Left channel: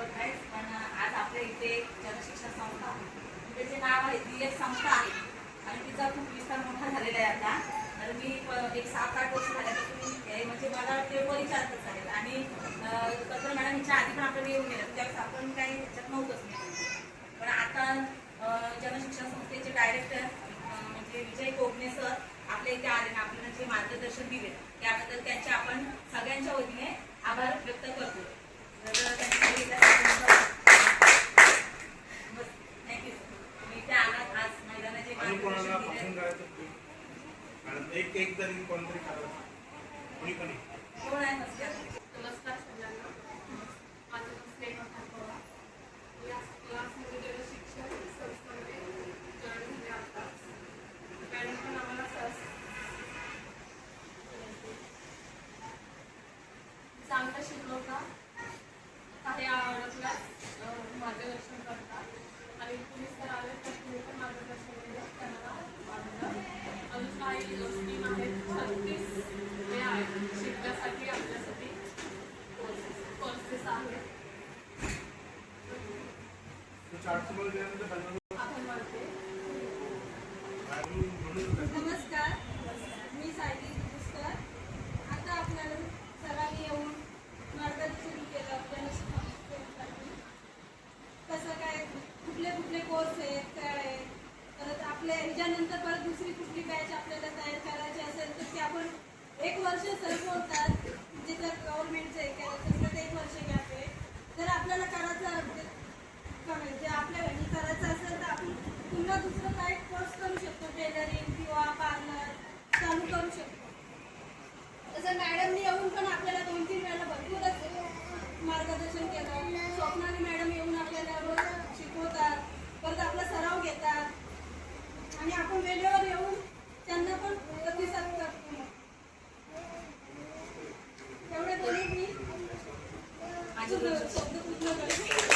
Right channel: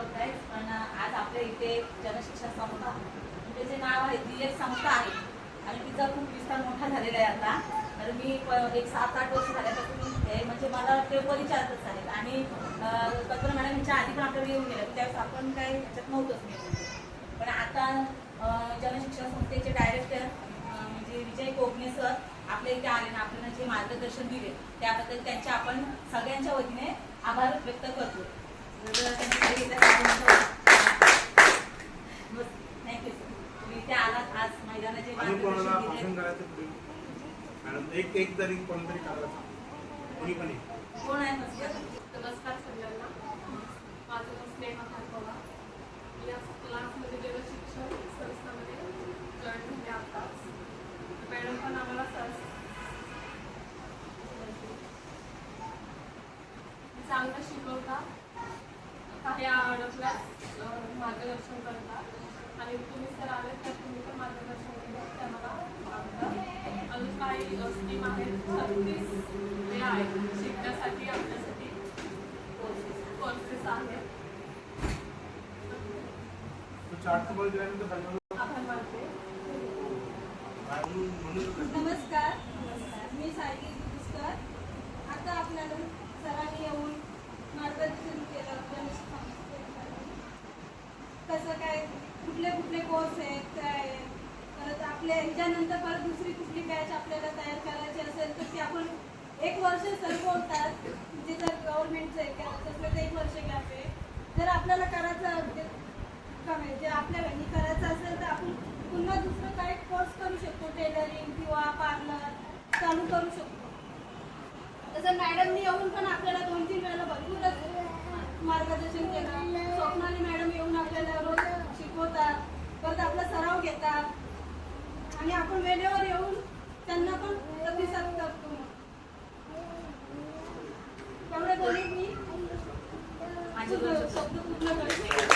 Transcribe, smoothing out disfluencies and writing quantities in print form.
ओळखाय, पण आज आपल्या इथे जनशिक्षण संस्था त्याचे नाव आहे, ती एक संस्था आहे आणि तिचा खूप विस्तार मोठा झालेला आहे आता. तर मी एक 7-8 वर्ष झाल्यापासून हे म्हणजे मला ते परिचारकच आहेत आणि कल्पना मॅडम यांच्या आधी पण आपल्याला येऊन गेलं त्यावेळेस आपण काही ह्याच्यात नव्हतंच. पण आता जनशिक्षण संस्थेचे डायरेक्टर म्हणजे विजय कोकणे सर आपल्या इथे आले ना, आपल्याला जे मार्गदर्शन दिले त्याबद्दल त्यांचे आपण सगळ्यांच्या वतीने आभार व्यक्त करतो. थँक्यू सर, तुम्ही इथे आलात आज मैदानाचे मार्गदर्शन दिले. एक तरी कोणतरी कोणी पण कोण आहे? नमस्कार सगळ्यांना, माझं नाव स्नेहा खारपवा. या क्लासमध्ये जनशिक्षण संस्थांमध्ये जॉईन झाले आताच. मॅडम पण आम्हाला चांगलं शिकवतात, काही अडचण्यात मार्गदर्शन करतात आणि तुम्ही सर आले तर तुम्ही पण मार्गदर्शन केलं त्या मला आवडतं. अजून काही स्कीम आहेत, 36 हे आहेत शिकण्यासाठी आपल्यासाठी कोर्सेस आहेत. आभार मानते. नमस्कार, मी सायली दुरुस्कर. आता आपल्याला सरांनी येऊन मार्गदर्शन केलं कसं काय, कुठले कुठले कोर्स आहेत, काय आहे. परत आपल्या ह्याच्यानंतर परत दुसरी कुठली बॅच आपल्याला तयार करायची असेल तर ती आपण 1 वर्ष सर बोलतात, म्हणजे जर गव्हर्नमेंटचं हे करायचं असेल तर 1 वर्ष गॅप आहे. जर आपल्याला करायचं जे आपल्या घरी करायचं असेल तर आपण पुन्हा दुसरं काही कोर्स करू शकतो, टेलरिंग किंवा पार्लर चालू करू शकतो. तसं मॅडमनी येऊन पण आपल्याला 2-3 वेळेला भरपूरच मार्गदर्शन केलं. स्वप्नाली मॅडम येऊन आपल्याला रोज शिकवतात, परत आपला सराव घेतात आणि आपण वेळेवर येऊन त्यांना पण प्रतिसाद करतो. तेवढे बोलून मी शब्द पूर्ण करते.